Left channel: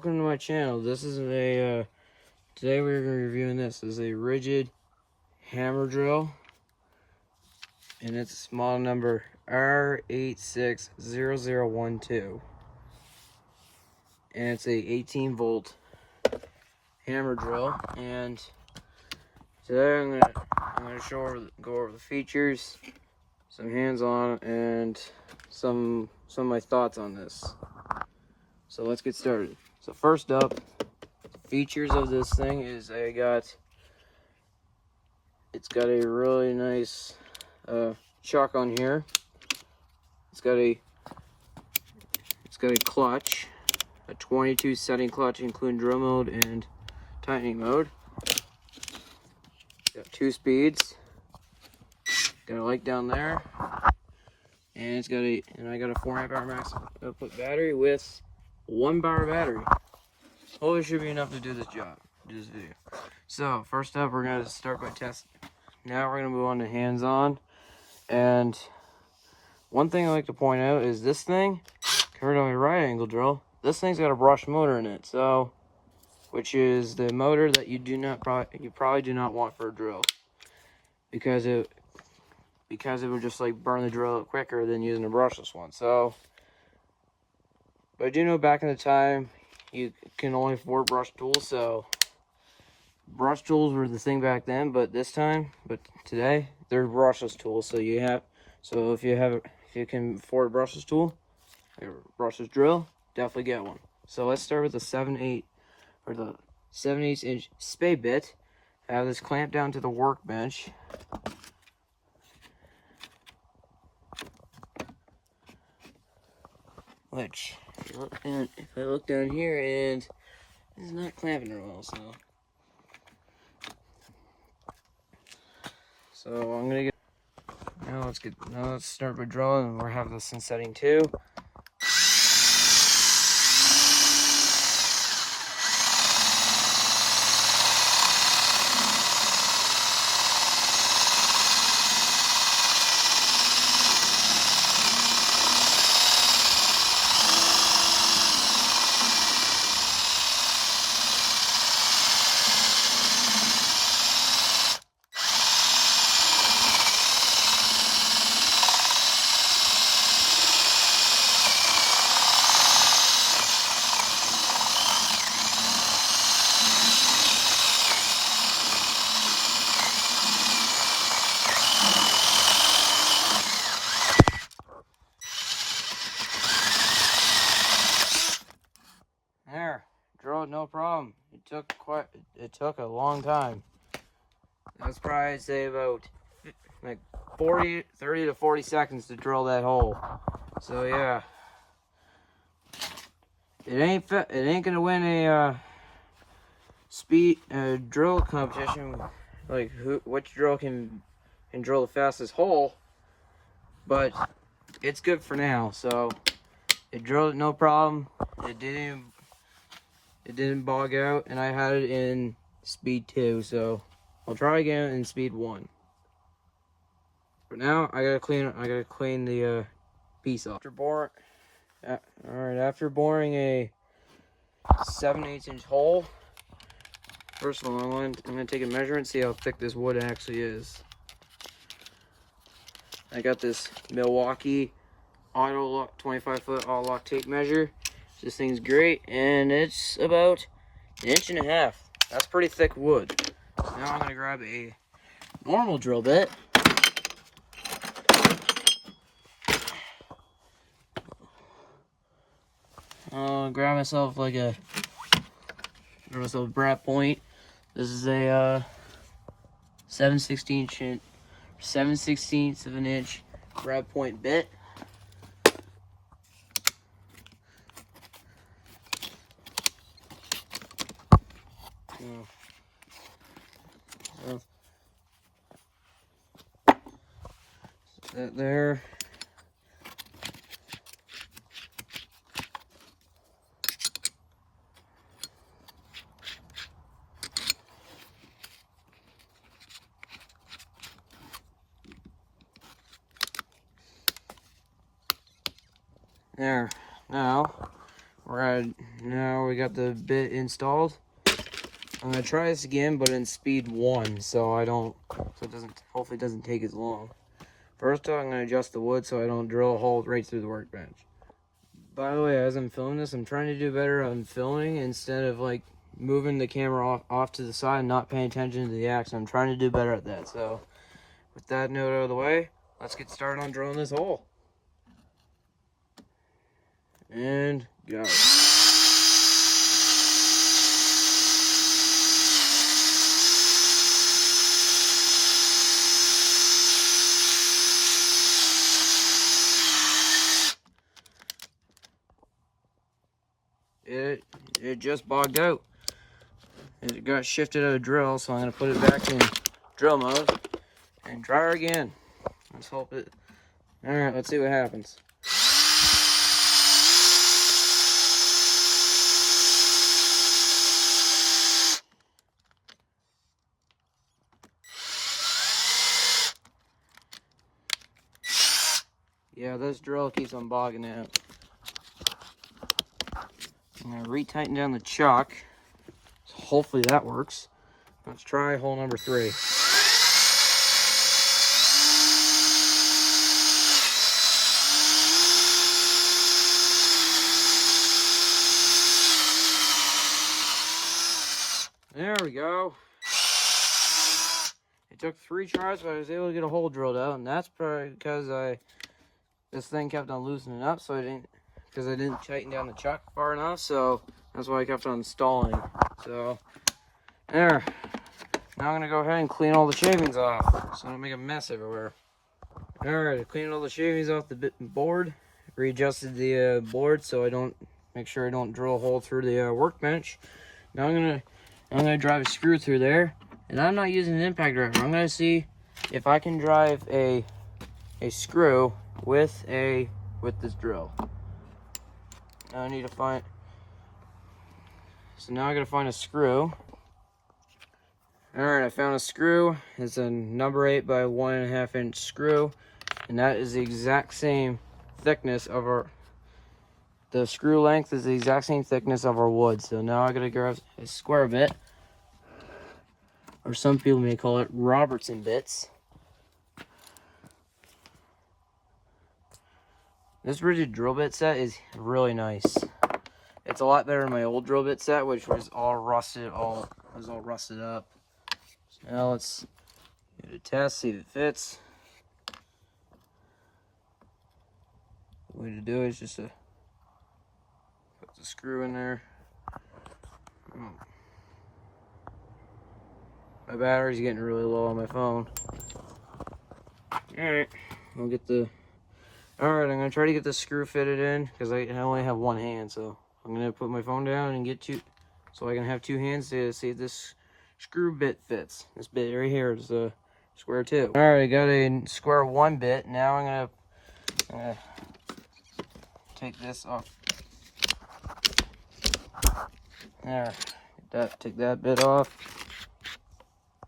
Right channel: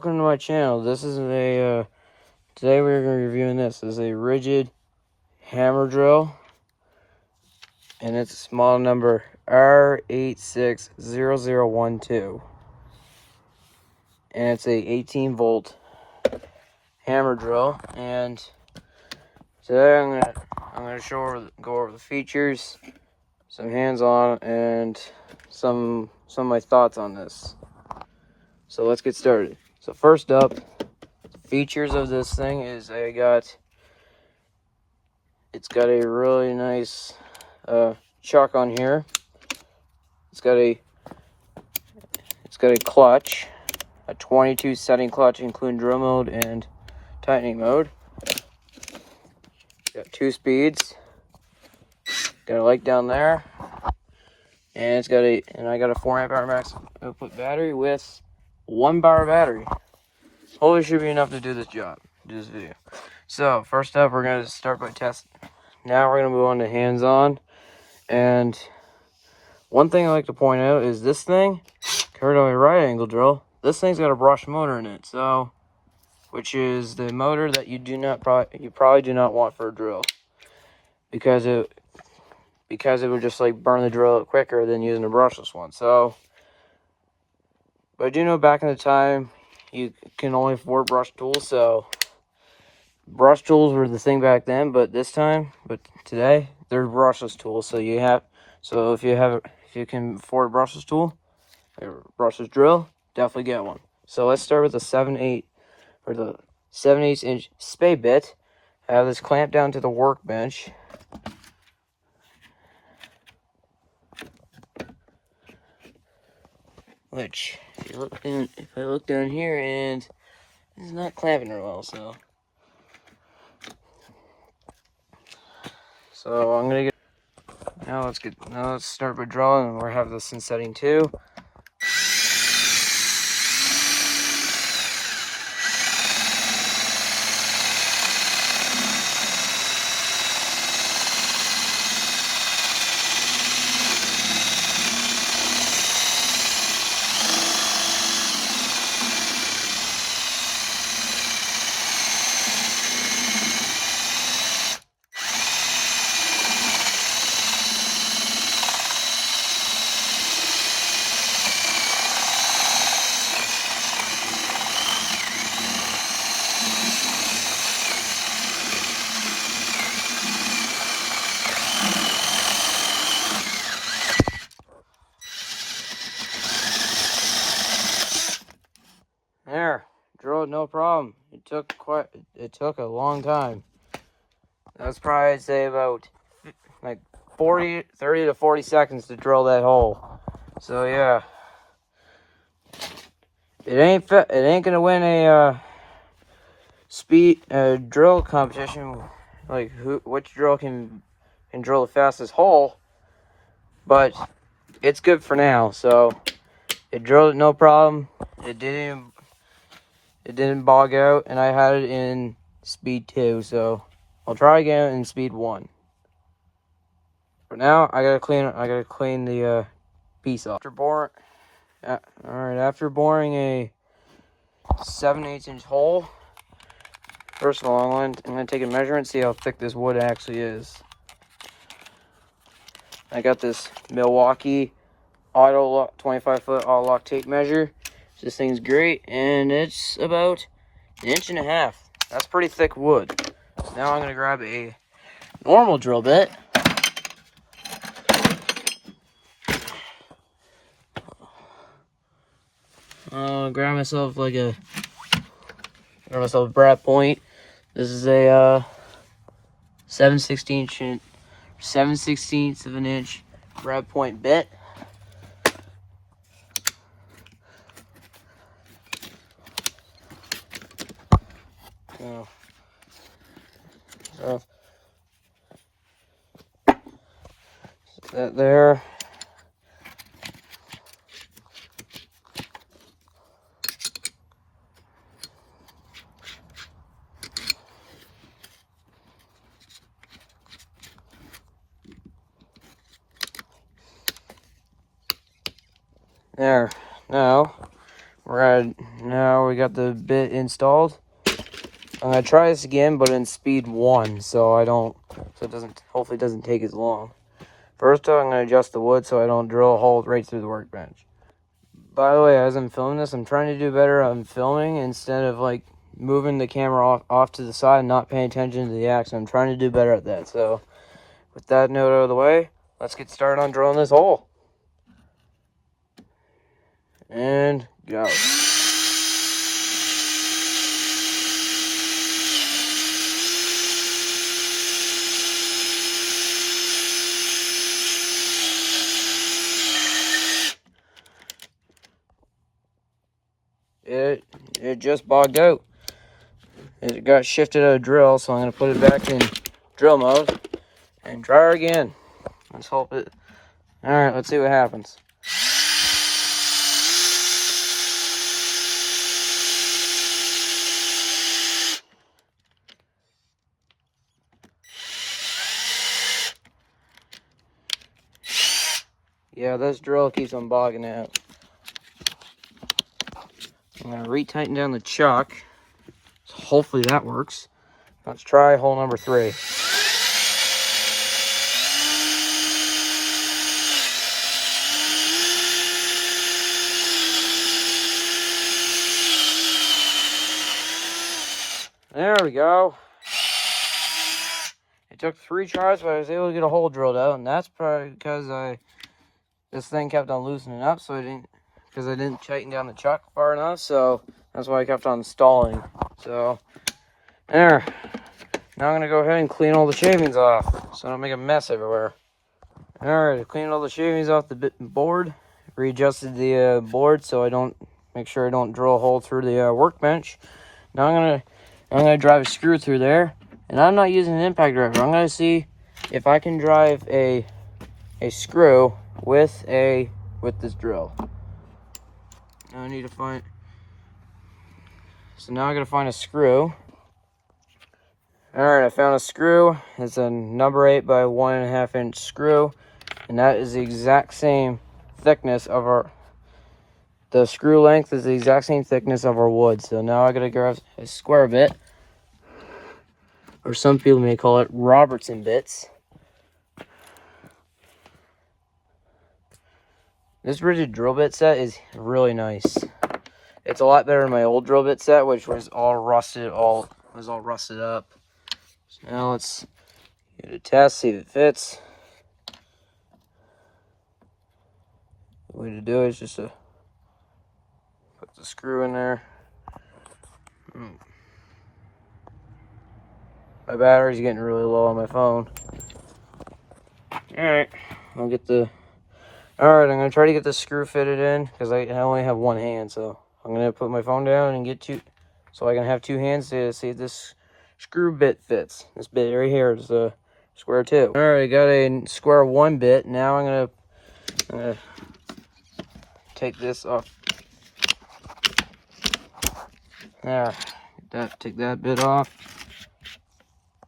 welcome to my channel. This is a today we're going to be reviewing this. This is a RIDGID hammer drill, and it's model number R860012, and it's a 18 volt hammer drill. And today I'm gonna go over the features, some hands-on, and some of my thoughts on this. So let's get started. So first up, the features of this thing is it's got a really nice chuck on here. It's got a clutch, a 22 setting clutch, including drill mode and tightening mode. Got 2 speeds. Got a light down there, and I got a 4 amp hour max output battery with 1 bar battery. Hopefully should be enough to do this video. So first up, we're gonna start by testing. Now we're gonna move on to hands-on. And one thing I like to point out is this thing, compared to a right angle drill, this thing's got a brush motor in it, so which is the motor that you probably do not want for a drill, because it would just like burn the drill quicker than using a brushless one. So, but I do know back in the time you can only afford brush tools, so brush tools were the thing back then, but today they're brushless tools. So if you can afford a brushless tool, a brushless drill, definitely get one. So let's start with the 7/8 inch spade bit. I have this clamped down to the workbench. Which, if I look down here, and it's not clamping real well, so I'm gonna get. Now let's start by drawing, and we'll have this in setting 2. There, drilled no problem. It took a long time. That's probably, I'd say, about like 30 to 40 seconds to drill that hole. So yeah, it ain't gonna win a speed drill competition, like which drill can drill the fastest hole, but it's good for now. So it drilled no problem. It didn't bog out, and I had it in speed 2, so I'll try again in speed 1. For now, I gotta clean the piece off. After boring a 7/8 inch hole, first of all, I'm gonna take a measurement, see how thick this wood actually is. I got this Milwaukee auto lock 25-foot auto lock tape measure. This thing's great, and it's about 1.5 inches. That's pretty thick wood. Now I'm gonna grab a normal drill bit. I'll grab myself a Brad Point. This is a 7/16 of an inch Brad Point bit. That there. There. Now Now we got the bit installed. I'm gonna try this again, but in speed 1, so it doesn't, hopefully it doesn't take as long. First though, I'm gonna adjust the wood so I don't drill a hole right through the workbench. By the way, as I'm filming this, I'm trying to do better on filming instead of like moving the camera off to the side and not paying attention to the action. I'm trying to do better at that. So with that note out of the way, let's get started on drilling this hole. And go. It just bogged out. It got shifted out of drill, so I'm going to put it back in drill mode and try her again. Let's hope it... Alright, let's see what happens. Yeah, this drill keeps on bogging out. I'm going to retighten down the chuck. So hopefully that works. Let's try hole number 3. There we go. It took 3 tries, but I was able to get a hole drilled out, and that's probably because this thing kept on loosening up, so I didn't tighten down the chuck far enough, so that's why I kept on stalling. So there. Now I'm gonna go ahead and clean all the shavings off, so I don't make a mess everywhere. Alright, I cleaned all the shavings off the board, readjusted the board so make sure I don't drill a hole through the workbench. Now I'm gonna drive a screw through there, and I'm not using an impact driver. I'm gonna see if I can drive a screw with this drill. Now I need to find. So now I gotta find a screw. Alright, I found a screw. It's a number 8 by 1.5 inch screw, and that is the exact same thickness of the screw length is the exact same thickness of our wood. So now I gotta grab a square bit, or some people may call it Robertson bits. This RIDGID drill bit set is really nice. It's a lot better than my old drill bit set, which was all rusted up. So now let's give it a test, see if it fits. The way to do it is just to put the screw in there. My battery's getting really low on my phone. Alright, Alright, I'm going to try to get the screw fitted in, because I only have one hand, so I'm going to put my phone down and so I can have 2 hands to see if this screw bit fits. This bit right here is a square 2. Alright, I got a square 1 bit. Now I'm going to take this off. There, take that bit off.